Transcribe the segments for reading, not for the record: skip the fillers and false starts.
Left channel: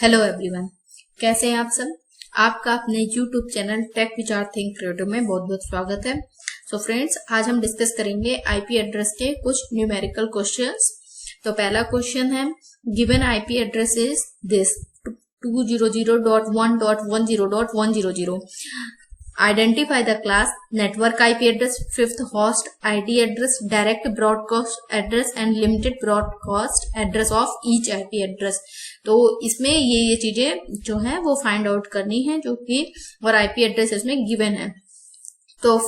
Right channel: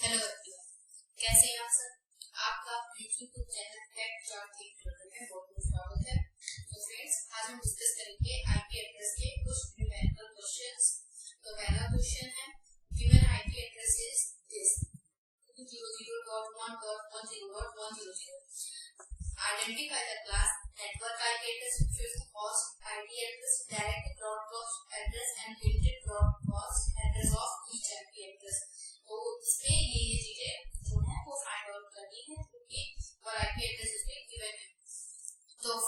Hello everyone, कैसे हैं आप सब। आपका अपने यूट्यूब चैनल टेक विचार थिंक क्रिएटिव में बहुत बहुत स्वागत है। सो फ्रेंड्स, आज हम डिस्कस करेंगे आईपी एड्रेस के कुछ न्यूमेरिकल क्वेश्चंस। तो पहला क्वेश्चन है, given IP address is this 200.1.10.100. Identify the class, network IP address, fifth host ID address, direct broadcast address and limited broadcast address of each IP address. तो इसमें ये चीजें जो है वो फाइंड आउट करनी है, जो कि और आईपी एड्रेस इसमें गिवन है। तो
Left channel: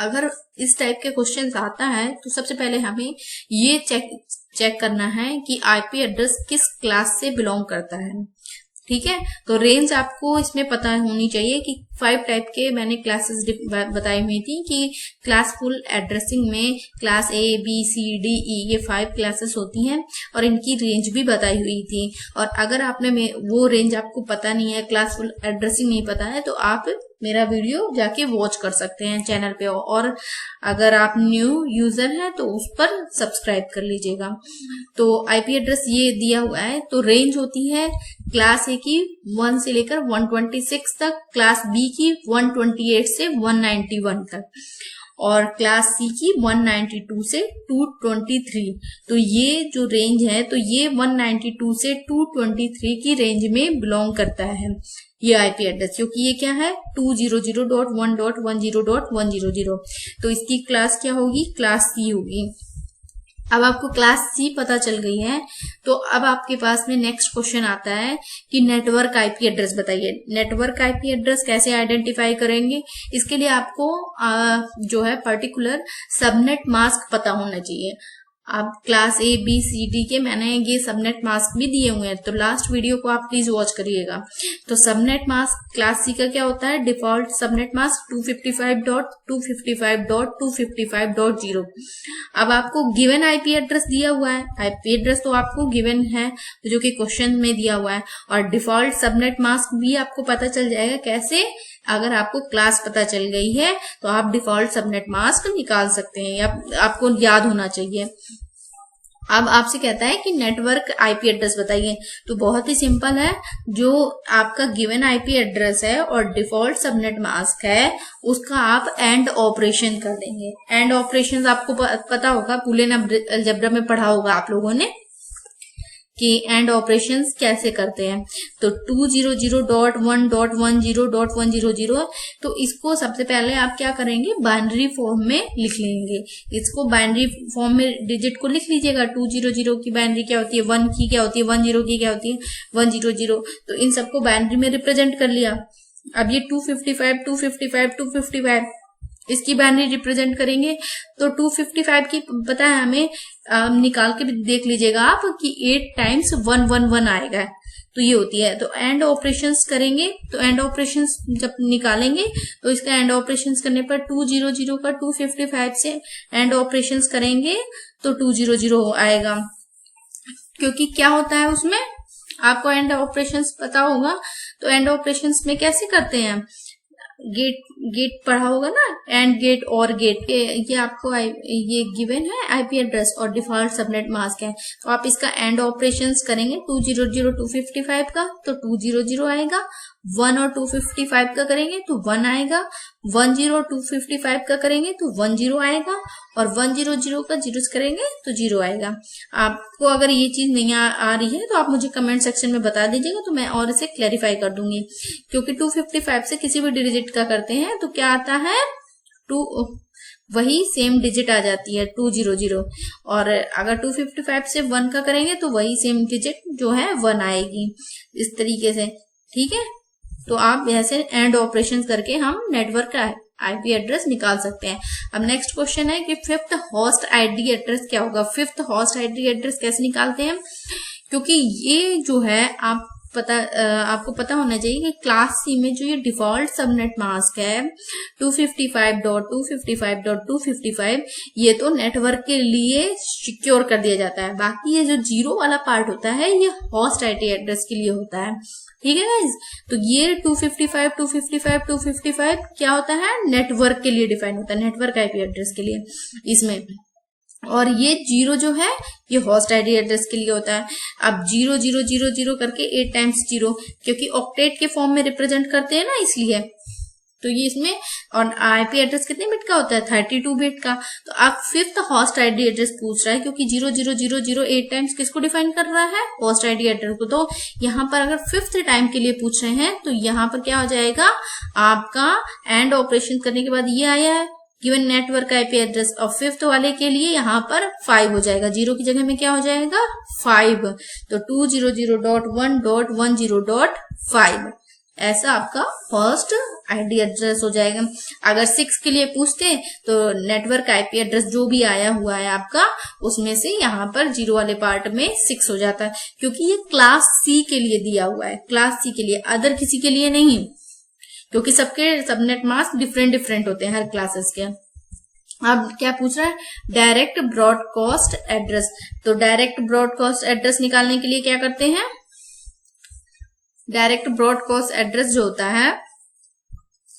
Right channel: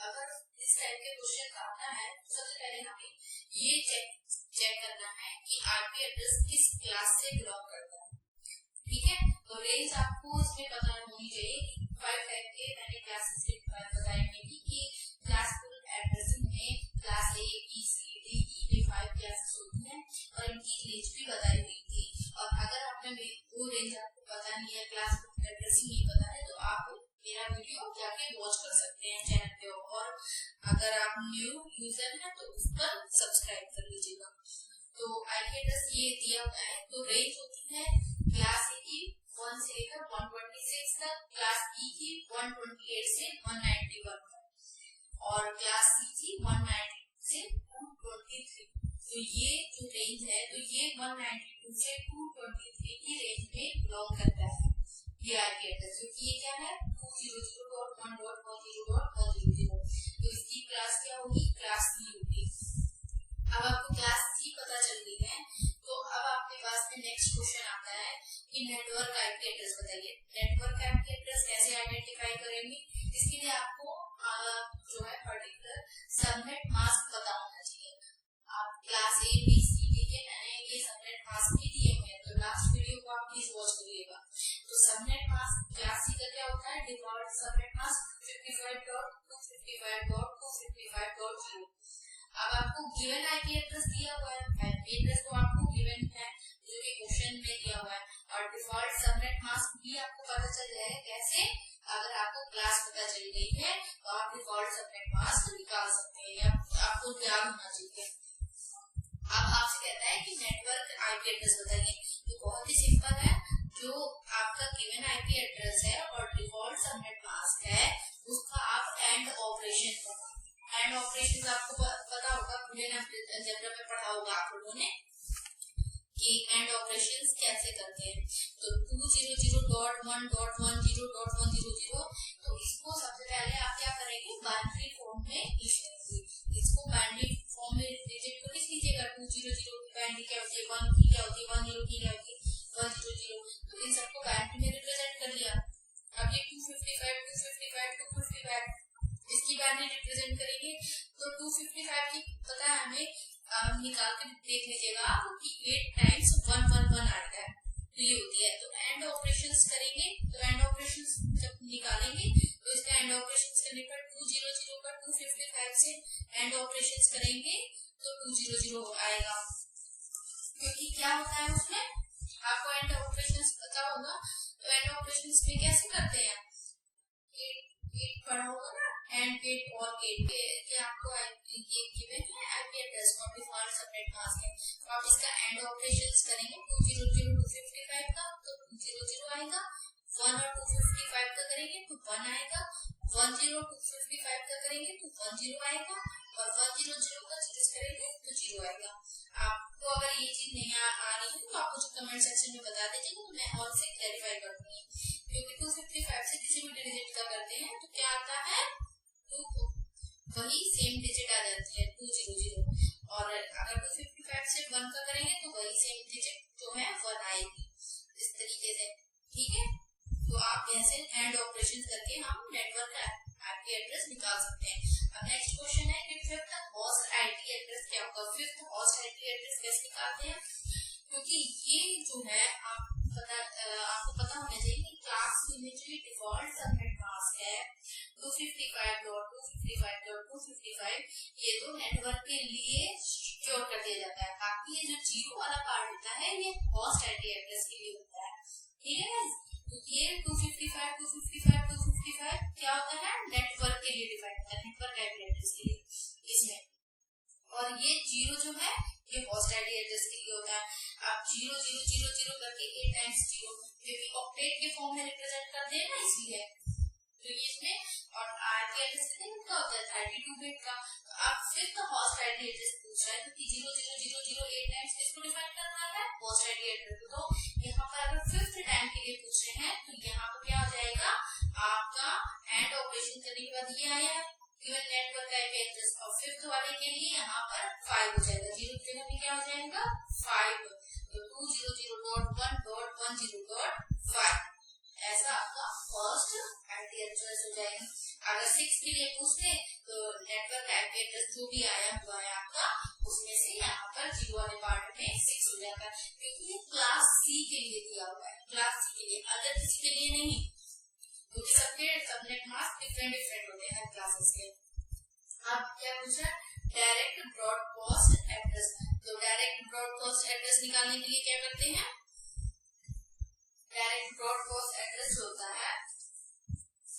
अगर इस टाइप के क्वेश्चन आता है तो सबसे पहले हमें ये चेक करना है कि आईपी एड्रेस किस क्लास से बिलोंग करता है। ठीक है, तो रेंज आपको इसमें पता होनी चाहिए कि 5 टाइप के मैंने क्लासेस बताई हुई थी कि क्लासफुल एड्रेसिंग में class A B C D E ये 5 क्लासेस होती हैं और इनकी रेंज भी बताई हुई थी। और अगर आपने वो रेंज आपको पता नहीं है, क्लासफुल एड्रेसिंग नहीं पता है, तो आप मेरा वीडियो जाके वॉच कर सकते हैं चैनल पे। और अगर आप न्यू यूजर हैं तो उस पर सब्सक्राइब कर लीजिएगा। तो आईपी एड्रेस ये दिया हुआ है, तो रेंज होती है क्लास ए की 1 से लेकर 126 तक, क्लास बी की 128 से 191 तक और क्लास सी की 192 से 223। तो ये जो रेंज है, तो ये 192 से 223 की रेंज में बिलोंग करता है ये आईपी एड्रेस, क्योंकि ये क्या है 200.1.10.100. तो इसकी क्लास क्या होगी, क्लास सी होगी। अब आपको क्लास सी पता चल गई है, तो अब आपके पास में नेक्स्ट क्वेश्चन आता है कि नेटवर्क आईपी एड्रेस बताइए। नेटवर्क आईपी एड्रेस कैसे आइडेंटिफाई करेंगे, इसके लिए आपको जो है पर्टिकुलर सबनेट मास्क पता होना चाहिए। अब class A B C D के मैंने ये सबनेट मास्क भी दिए हुए हैं, तो लास्ट वीडियो को आप प्लीज वॉच करिएगा। तो सबनेट मास्क क्लास सी का क्या होता है, डिफॉल्ट सबनेट मास्क 255.255.255.0। अब आपको गिवन आईपी एड्रेस दिया हुआ है, आईपी एड्रेस तो आपको गिवन है जो कि क्वेश्चन में दिया हुआ है, और डिफॉल्ट सबनेट मास्क भी आपको पता चल जाएगा। कैसे, अगर आपको क्लास पता चल गई है तो आप डिफॉल्ट सबनेट मास्क निकाल सकते हैं, या आपको याद होना चाहिए। अब आपसे कहता है कि नेटवर्क आईपी एड्रेस बताइए, तो बहुत ही सिंपल है। जो आपका गिवन आईपी एड्रेस है और डिफॉल्ट सबनेट मास्क है, उसका आप एंड ऑपरेशन कर देंगे। एंड ऑपरेशन आपको पता होगा, बूलियन अलजेब्रा में पढ़ा होगा आप लोगों ने कि एंड ऑपरेशंस कैसे करते हैं। तो 200.1.10.100, तो इसको सबसे पहले आप क्या करेंगे, बाइनरी फॉर्म में लिख लेंगे। इसको बाइनरी फॉर्म में डिजिट को लिख लीजिएगा। 200 की बाइनरी क्या होती है, 1 की क्या होती है, 10 की क्या होती है, 100। तो इन सबको बाइनरी में रिप्रेजेंट कर लिया। अब ये 255 इसकी बाइनरी रिप्रेजेंट करेंगे। तो 255 की पता है हमें, निकाल के भी देख लीजिएगा आप कि 8 टाइम्स 111 आएगा। तो ये होती है। तो एंड ऑपरेशंस करेंगे, तो एंड ऑपरेशंस जब निकालेंगे तो इसका एंड ऑपरेशंस करने पर 200 का 255 से एंड ऑपरेशंस करेंगे तो 200 आएगा। क्योंकि क्या होता है उसमें, आपको एंड ऑपरेशंस पता होगा। तो एंड ऑपरेशंस में कैसे करते हैं, गेट पढ़ा होगा ना, एंड गेट और गेट, ये आपको ये गिवन है आईपी एड्रेस और डिफॉल्ट सबनेट मास्क है। तो आप इसका एंड ऑपरेशंस करेंगे 200.255 का तो 200 आएगा, 1 और 255 का करेंगे तो 1 आएगा, 10 और 255 का करेंगे तो 10 आएगा, और 100 का 0 करेंगे तो 0 आएगा। आपको अगर ये चीज नहीं आ रही है तो आप मुझे कमेंट सेक्शन में बता दीजिएगा, तो मैं और इसे क्लैरिफाई कर दूंगी। क्योंकि 255 से किसी भी डिजिट का करते हैं तो क्या आता है, 2 वही सेम डिजिट आ जाती है 200। और अगर 255 से 1 का करेंगे तो वही सेम डिजिट जो है 1 आएगी, इस तरीके से। ठीक है, तो आप ऐसे एंड ऑपरेशन करके हम नेटवर्क का आईपी एड्रेस निकाल सकते हैं। अब नेक्स्ट क्वेश्चन है कि फिफ्थ होस्ट आईडी एड्रेस क्या होगा। फिफ्थ होस्ट आईडी एड्रेस कैसे निकालते हैं, क्योंकि ये जो है आपको पता होना चाहिए कि क्लास सी में जो ये डिफॉल्ट सबनेट मास्क है 255.255.255, ये तो नेटवर्क के लिए सिक्योर कर दिया जाता है। बाकी ये जो 0 वाला पार्ट होता है ये होस्ट आईडी एड्रेस के लिए होता है। ठीक है गाइज, तो ये 255 क्या होता है, नेटवर्क के लिए डिफाइन होता है, नेटवर्क आईपी एड्रेस के लिए। इसमें और ये 0 जो है ये होस्ट आईडी एड्रेस के लिए होता है। अब 0000 करके 8 टाइम्स 0, क्योंकि ऑक्टेट के फॉर्म में रिप्रेजेंट करते हैं ना, इसलिए। तो ये इसमें, और आईपी एड्रेस कितने बिट का होता है? 32 बिट का। तो आप फिफ्थ होस्ट आईडी एड्रेस पूछ रहा है, क्योंकि 0000 8 टाइम्स किसको डिफाइन कर रहा है? होस्ट आईडी एड्रेस को। तो यहाँ पर अगर फिफ्थ टाइम के लिए पूछ रहे हैं तो यहाँ पर क्या हो जाएगा आपका, एंड ऑपरेशन करने के बाद ये आया है गिवन नेटवर्क आईपी एड्रेस, और फिफ्थ वाले के लिए यहाँ पर 5 हो जाएगा, 0 की जगह में क्या हो जाएगा? 5। तो 200.1.10.5 ऐसा आपका फर्स्ट आईडी एड्रेस हो जाएगा। अगर 6 के लिए पूछते हैं तो नेटवर्क आईपी एड्रेस जो भी आया हुआ है आपका, उसमें से यहाँ पर 0 वाले पार्ट में 6 हो जाता है, क्योंकि ये क्लास सी के लिए दिया हुआ है, क्लास सी के लिए, अदर किसी के लिए नहीं, क्योंकि सबके सबनेट मास्क डिफरेंट डिफरेंट होते हैं हर क्लासेस के। अब क्या पूछ रहा है? Direct broadcast address. तो डायरेक्ट ब्रॉडकास्ट एड्रेस निकालने के लिए क्या करते हैं? डायरेक्ट ब्रॉडकास्ट एड्रेस जो होता है,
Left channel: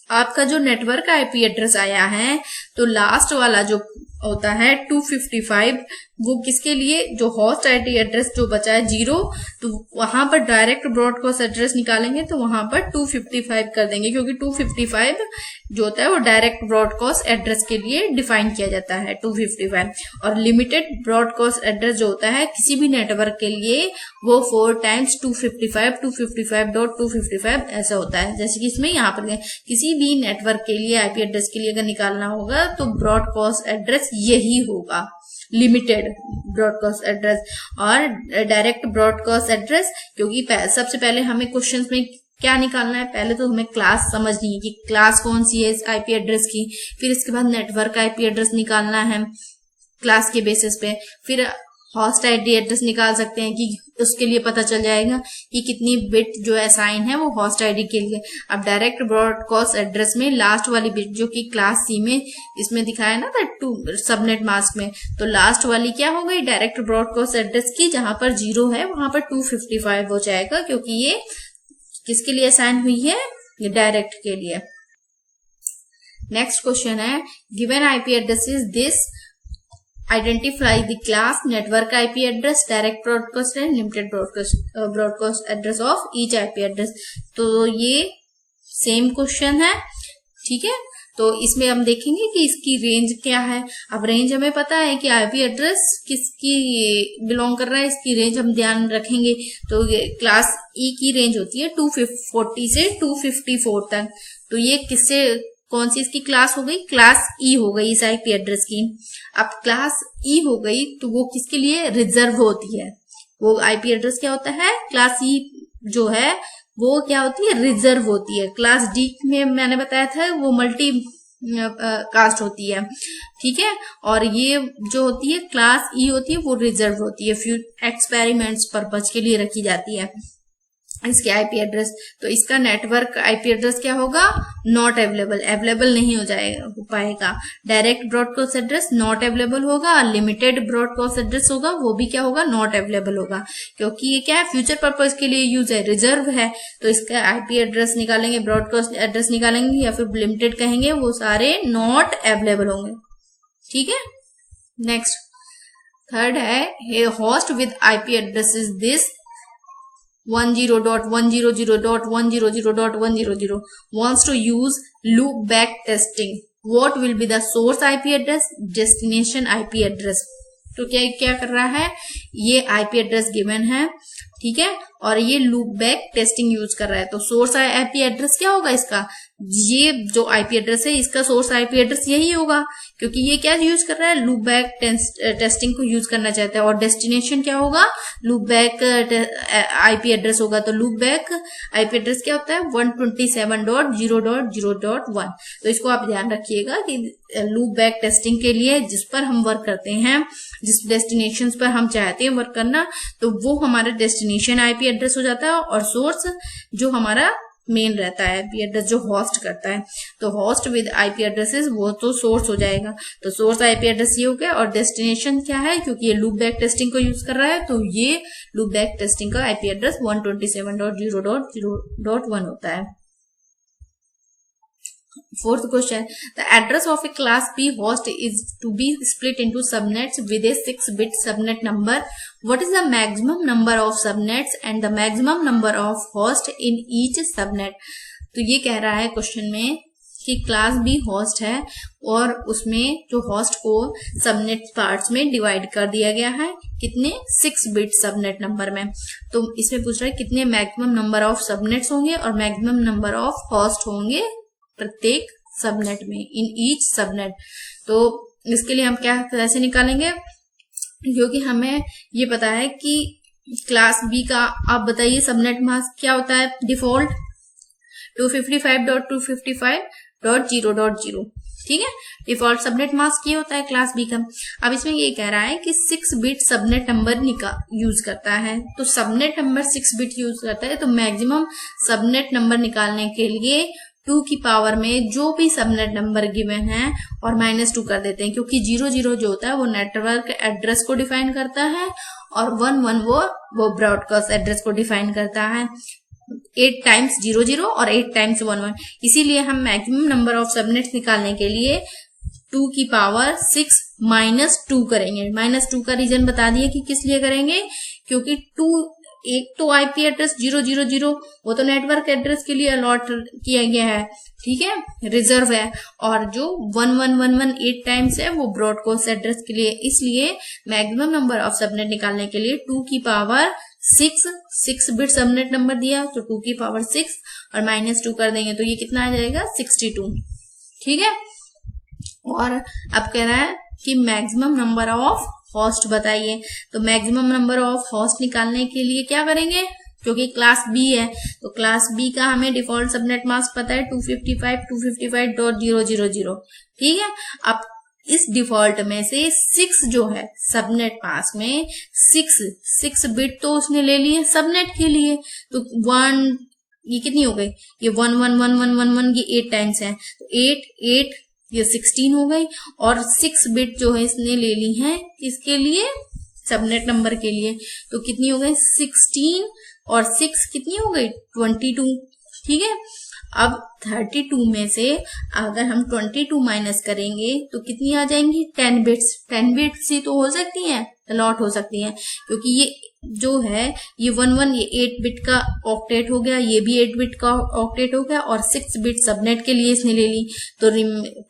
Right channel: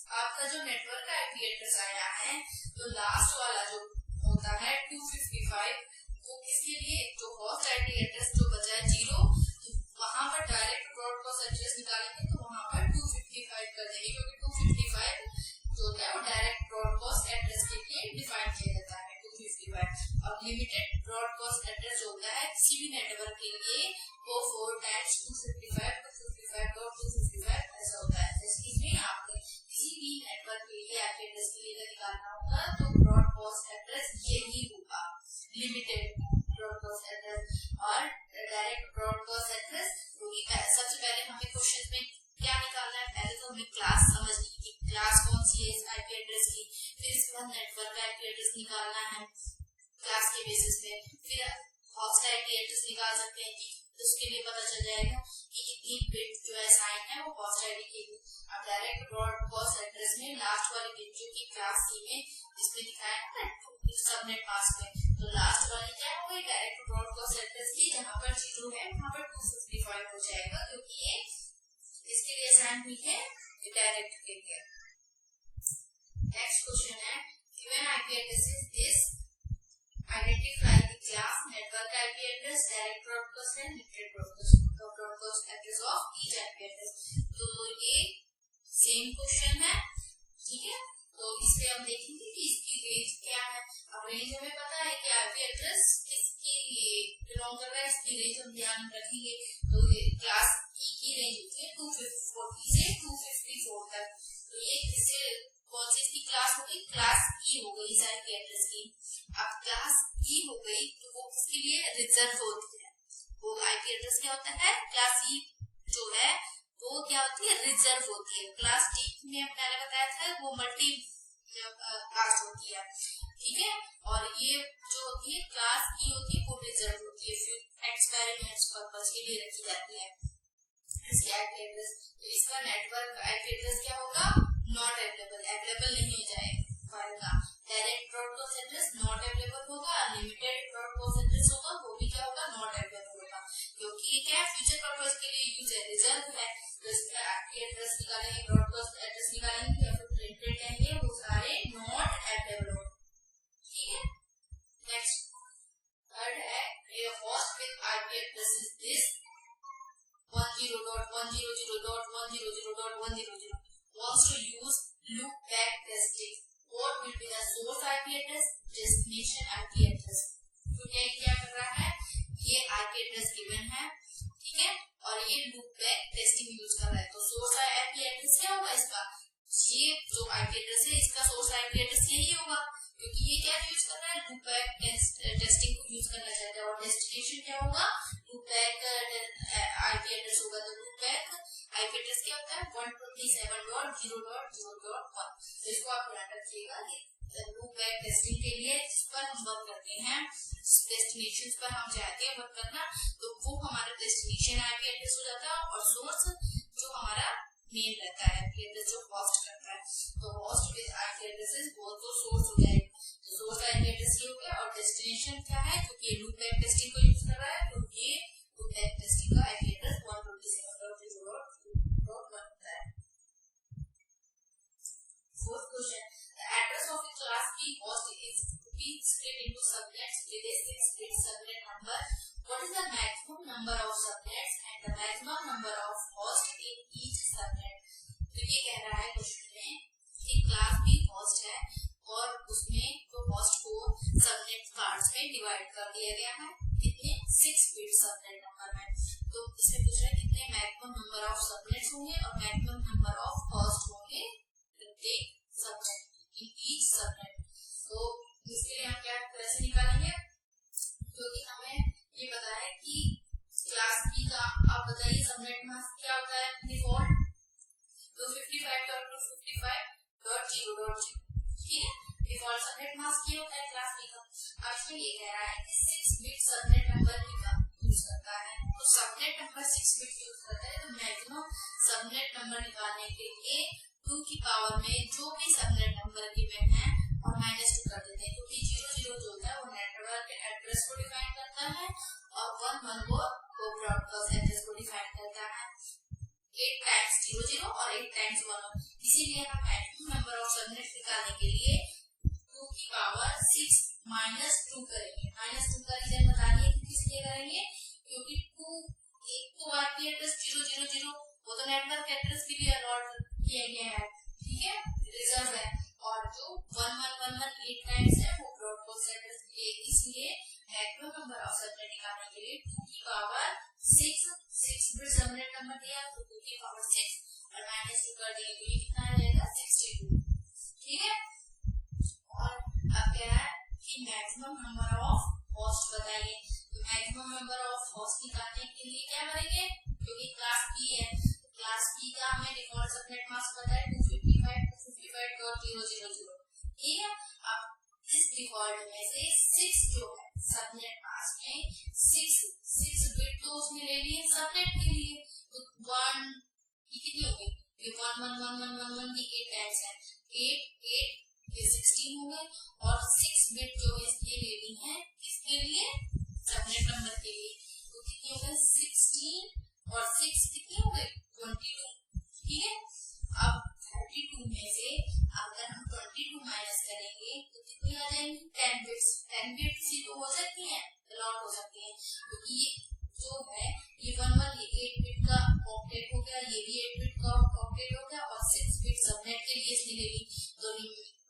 आपका जो नेटवर्क आईपी एड्रेस आया है, तो लास्ट वाला जो होता है 255, वो किसके लिए? जो होस्ट आईडी एड्रेस जो बचा है 0, तो वहां पर डायरेक्ट ब्रॉडकास्ट एड्रेस निकालेंगे तो वहां पर 255 कर देंगे, क्योंकि 255 जो होता है वो डायरेक्ट ब्रॉडकास्ट एड्रेस के लिए डिफाइन किया जाता है 255। और लिमिटेड ब्रॉडकास्ट एड्रेस जो होता है किसी भी नेटवर्क के लिए, वो 4 टाइम्स 255 ऐसा होता है। जैसे कि इसमें यहाँ पर किसी भी नेटवर्क के लिए आईपी एड्रेस के लिए अगर निकालना होगा तो ब्रॉडकास्ट एड्रेस यही होगा, लिमिटेड ब्रॉडकास्ट एड्रेस। और डायरेक्ट ब्रॉडकास्ट एड्रेस, क्योंकि सबसे पहले हमें क्वेश्चंस में क्या निकालना है? पहले तो हमें क्लास समझनी है कि क्लास कौन सी है इस आईपी एड्रेस की, फिर इसके बाद नेटवर्क आईपी एड्रेस निकालना है क्लास के बेसिस पे, फिर होस्ट आईडी एड्रेस निकाल सकते हैं कि उसके लिए पता चल जाएगा कि कितनी बिट जो असाइन है वो होस्ट आईडी के लिए। अब डायरेक्ट ब्रॉडकास्ट एड्रेस में लास्ट वाली बिट जो कि क्लास सी में इसमें दिखाया ना था सबनेट मास्क में, तो लास्ट वाली क्या हो गई? डायरेक्ट ब्रॉडकास्ट एड्रेस की, जहां पर 0 है वहां पर 255 हो जाएगा, क्योंकि ये किसके लिए असाइन हुई है? ये डायरेक्ट के लिए। नेक्स्ट क्वेश्चन है, given IP address is this, identify the class network IP address, direct broadcast and limited broadcast address of each IP address। तो ये सेम क्वेश्चन है, ठीक है। तो इसमें हम देखेंगे कि इसकी रेंज क्या है। अब रेंज हमें पता है कि आईपी एड्रेस किसकी बिलोंग कर रहा है, इसकी रेंज हम ध्यान रखेंगे। तो क्लास ई की रेंज होती है 240 से 254 तक। तो ये किससे, कौन सी इसकी क्लास हो गई? क्लास ई हो गई इस आईपी एड्रेस की। अब क्लास ई हो गई तो वो किसके लिए रिजर्व होती है? वो आईपी एड्रेस क्या होता है? क्लास ई जो है वो क्या होती है? रिजर्व होती है। क्लास डी में मैंने बताया था वो मल्टी कास्ट होती है, ठीक है। और ये जो होती है क्लास ई होती है वो रिजर्व होती है, फ्यू एक्सपेरिमेंट्स पर्पज के लिए रखी जाती है इसके आईपी एड्रेस। तो इसका नेटवर्क आईपी एड्रेस क्या होगा? नॉट अवेलेबल, अवेलेबल नहीं हो पाएगा। Direct broadcast address not available होगा। लिमिटेड ब्रॉडकास्ट एड्रेस होगा वो भी क्या होगा? नॉट अवेलेबल होगा, क्योंकि ये क्या है? फ्यूचर पर्पज के लिए यूज है, रिजर्व है। तो इसका आईपी एड्रेस निकालेंगे, ब्रॉडकास्ट एड्रेस निकालेंगे या फिर लिमिटेड कहेंगे, वो सारे नॉट अवेलेबल होंगे, ठीक है। नेक्स्ट थर्ड है, host with IP address is this 10.100.100.100.100 wants to use loop back testing. What will be the source IP address, destination IP address? तो क्या कर रहा है? ये IP एड्रेस गिवन है, ठीक है, और ये लूप बैक टेस्टिंग यूज कर रहा है। तो सोर्स आईपी एड्रेस क्या होगा इसका? ये जो आईपी एड्रेस है इसका सोर्स आईपी एड्रेस यही होगा, क्योंकि ये क्या यूज कर रहा है? लूप बैक टेस्टिंग को यूज करना चाहता है। और डेस्टिनेशन क्या होगा? लूप बैक आईपी एड्रेस होगा। तो लूप बैक आईपी एड्रेस क्या होता है? 127.0.0.1। तो इसको आप ध्यान रखिएगा कि लूप बैक टेस्टिंग के लिए जिस पर हम वर्क करते हैं, जिस डेस्टिनेशन पर हम चाहते हैं वर्क करना, तो वो हमारा डेस्टिनेशन आईपी एड्रेस हो जाता है। और सोर्स जो हमारा मेन रहता है आईपी एड्रेस जो होस्ट करता है, तो होस्ट विद आईपी एड्रेसेस वो तो सोर्स हो जाएगा। तो सोर्स आईपी एड्रेस ये हो गया। और डेस्टिनेशन क्या है? क्योंकि ये लूप बैक टेस्टिंग को यूज कर रहा है, तो ये लूप बैक टेस्टिंग का आईपी एड्रेस 127.0.0.1 होता है। Fourth question, the address of a class B host is to be split into subnets with a 6-bit subnet number. What is the maximum number of subnets and the maximum number of hosts in each subnet? तो ये कह रहा है question में कि class B host है और उसमें जो होस्ट को सबनेट पार्ट्स में डिवाइड कर दिया गया है कितने 6-बिट सबनेट नंबर में। तो इसमें पूछ रहा है कितने मैक्सिमम नंबर ऑफ सबनेट्स होंगे और मैक्सिमम नंबर ऑफ होस्ट होंगे प्रत्येक सबनेट में, इन ईच सबनेट। तो इसके लिए हम क्या कैसे निकालेंगे, क्योंकि हमें ये पता है कि क्लास बी का, आप बताइए सबनेट मास्क क्या होता है डिफॉल्ट 255.255.0.0, ठीक है, डिफॉल्ट सबनेट मास्क ये होता है क्लास बी का। अब इसमें ये कह रहा है कि 6-बिट सबनेट नंबर यूज करता है, तो सबनेट नंबर 6-बिट यूज करता है, तो मैक्सिमम सबनेट नंबर निकालने के लिए 2 की पावर में जो भी सबनेट नंबर गिवन है और -2 कर देते हैं, क्योंकि 00 जो होता है वो नेटवर्क एड्रेस को डिफाइन करता है और 11 वो ब्रॉडकास्ट एड्रेस को डिफाइन करता है। 8 टाइम्स 00 और 8 टाइम्स 11, इसीलिए हम मैक्सिमम नंबर ऑफ सबनेट्स निकालने के लिए 2 की पावर 6 -2 करेंगे। -2 का रीजन बता दिए कि किस लिए करेंगे, क्योंकि एक तो आईपी एड्रेस 000 वो तो नेटवर्क एड्रेस के लिए अलॉट किया गया है, ठीक है, रिजर्व है, और जो 1111 8 टाइम्स है वो ब्रॉडकास्ट एड्रेस के लिए। इसलिए मैक्सिमम नंबर ऑफ सबनेट निकालने के लिए 2 की पावर 6 बिट सबनेट नंबर दिया तो 2 की पावर 6 और -2 कर देंगे तो ये कितना आ जाएगा 62, ठीक है। और अब कह रहा है कि मैक्सिमम नंबर ऑफ होस्ट बताइए, तो मैक्सिमम नंबर ऑफ होस्ट निकालने के लिए क्या करेंगे, क्योंकि क्लास बी है तो क्लास बी का हमें डिफॉल्ट सबनेट मास्क पता है 255.255.0.0, ठीक है। अब इस डिफॉल्ट में से 6 जो है सबनेट मास्क में 6 बिट तो उसने ले लिए सबनेट के लिए, तो 1 ये कितनी हो गई, ये 111111 ये 8 टाइम्स है, तो 8 ये 16 हो गई, और 6 बिट जो है इसने ले ली है इसके लिए सबनेट नंबर के लिए, तो कितनी हो गई 16 और 6 कितनी हो गई 22, ठीक है। अब 32 में से अगर हम 22 माइनस करेंगे तो कितनी आ जाएंगी 10 बिट्स। 10 बिट्स ही तो हो सकती हैं, अलॉट हो सकती हैं, क्योंकि ये जो है ये 11 ये 8 बिट का ऑक्टेट हो गया, ये भी 8 बिट का ऑक्टेट हो गया, और 6 बिट सबनेट के लिए इसने ले ली, तो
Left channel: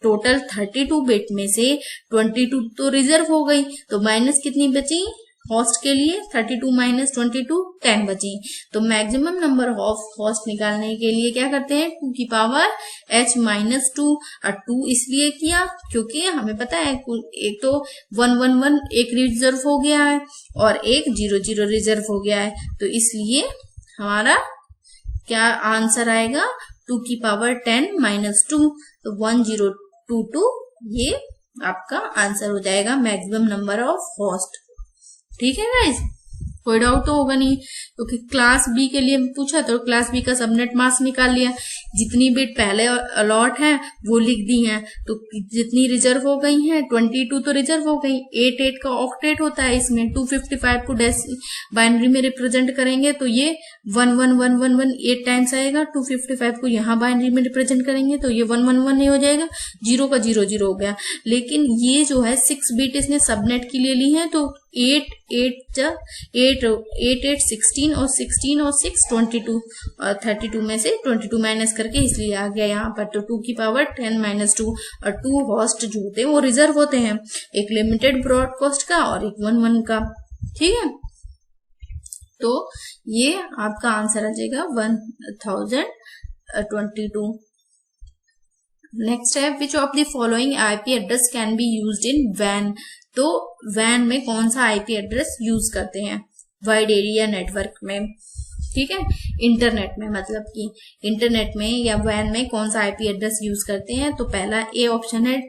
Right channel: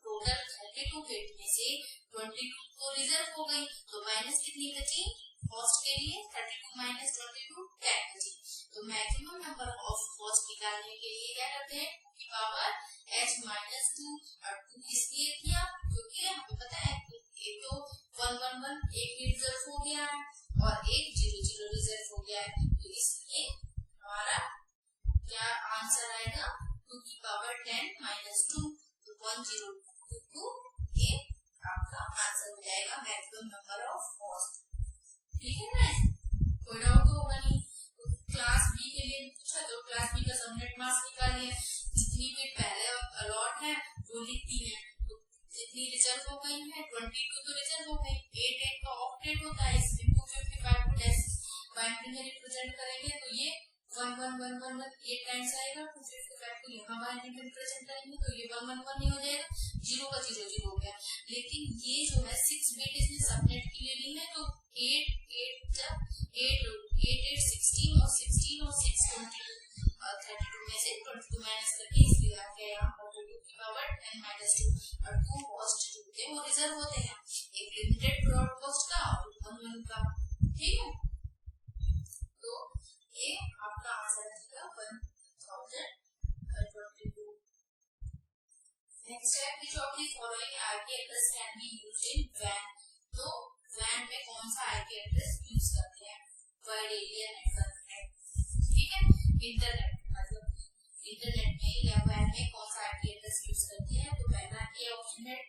टोटल 32 बिट में से 22 तो रिजर्व हो गई, तो माइनस कितनी बची होस्ट के लिए 32 - 22 10 बची। तो मैक्सिमम नंबर ऑफ होस्ट निकालने के लिए क्या करते हैं 2 की पावर h -2, और 2 इसलिए किया क्योंकि हमें पता है एक तो 111 एक रिजर्व हो गया है और एक 00 रिजर्व हो गया है, तो इसलिए हमारा क्या आंसर आएगा 2 की पावर 10 - 2, तो 1022 ये आपका आंसर हो जाएगा मैक्सिमम नंबर ऑफ होस्ट, ठीक है गाइस। कोई डाउट तो होगा नहीं, क्योंकि क्लास बी के लिए पूछा तो क्लास बी का सबनेट मास्क निकाल लिया, जितनी बिट पहले अलॉट है वो लिख दी हैं, तो जितनी रिजर्व हो गई हैं 22 तो रिजर्व हो गई, 8 का ऑक्टेट होता है, इसमें 255 को बाइनरी में रिप्रेजेंट करेंगे तो ये 11111 8 टाइम्स आएगा, 255 को यहाँ बाइनरी में रिप्रेजेंट करेंगे तो ये 111 नहीं हो जाएगा, 0 का 0 हो गया। लेकिन ये जो है 6 बिट इसने सबनेट की ले ली है, तो 8 16 और 16 और 6 22 और 32 में से 22 माइनस करके इसलिए आ गया यहाँ पर, तो 2 की पावर 10 - 2, और 2 होस्ट जो होते हैं वो रिजर्व होते हैं, एक लिमिटेड ब्रॉडकास्ट का और एक 11 का, ठीक है। तो ये आपका आंसर आ जाएगा 1022। नेक्स्ट है which of the following IP address can be used in वैन, तो वैन में कौन सा आईपी एड्रेस यूज करते हैं वाइड एरिया नेटवर्क में, ठीक है, इंटरनेट में, मतलब कि इंटरनेट में या वैन में कौन सा आईपी एड्रेस यूज करते हैं, तो पहला ए ऑप्शन है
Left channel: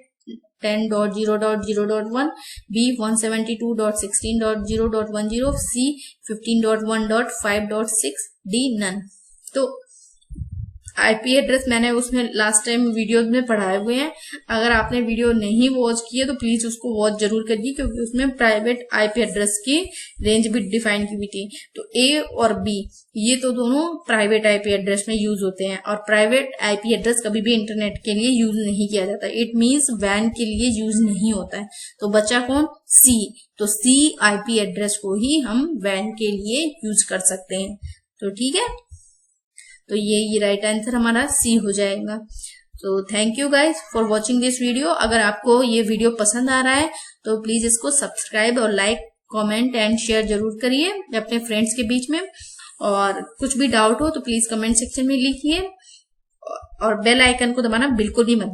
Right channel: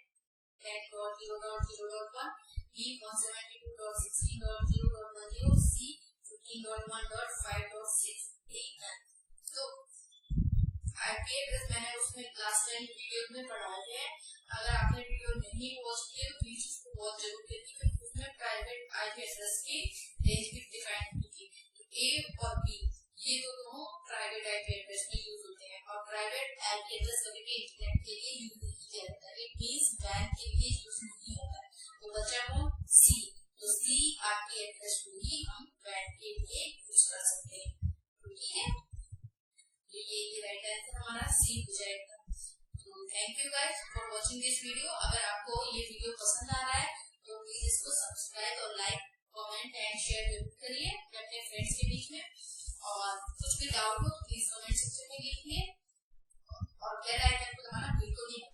10.0.0.1, बी 172.16.0.10, सी 15.1.5.6, डी नन। तो आईपी एड्रेस मैंने उसमें लास्ट टाइम वीडियो में पढ़ाए हुए हैं। अगर आपने वीडियो नहीं वॉच की है तो प्लीज उसको वॉच जरूर करिए, क्योंकि उसमें प्राइवेट आईपी एड्रेस की रेंज भी डिफाइन की हुई थी। तो ए और बी ये तो दोनों प्राइवेट आईपी एड्रेस में यूज होते हैं, और प्राइवेट आईपी एड्रेस कभी भी इंटरनेट के लिए यूज नहीं किया जाता। इट मीन्स वैन के लिए यूज नहीं होता है। तो बचा कौन? सी। तो सी आईपी एड्रेस को ही हम वैन के लिए यूज कर सकते हैं। तो ठीक है, तो ये राइट आंसर हमारा सी हो जाएगा। तो thank you guys for watching this video. अगर आपको ये वीडियो पसंद आ रहा है तो प्लीज इसको सब्सक्राइब और लाइक, कमेंट एंड शेयर जरूर करिए अपने फ्रेंड्स के बीच में। और कुछ भी डाउट हो तो प्लीज कमेंट सेक्शन में लिखिए, और बेल आइकन को दबाना बिल्कुल भी मत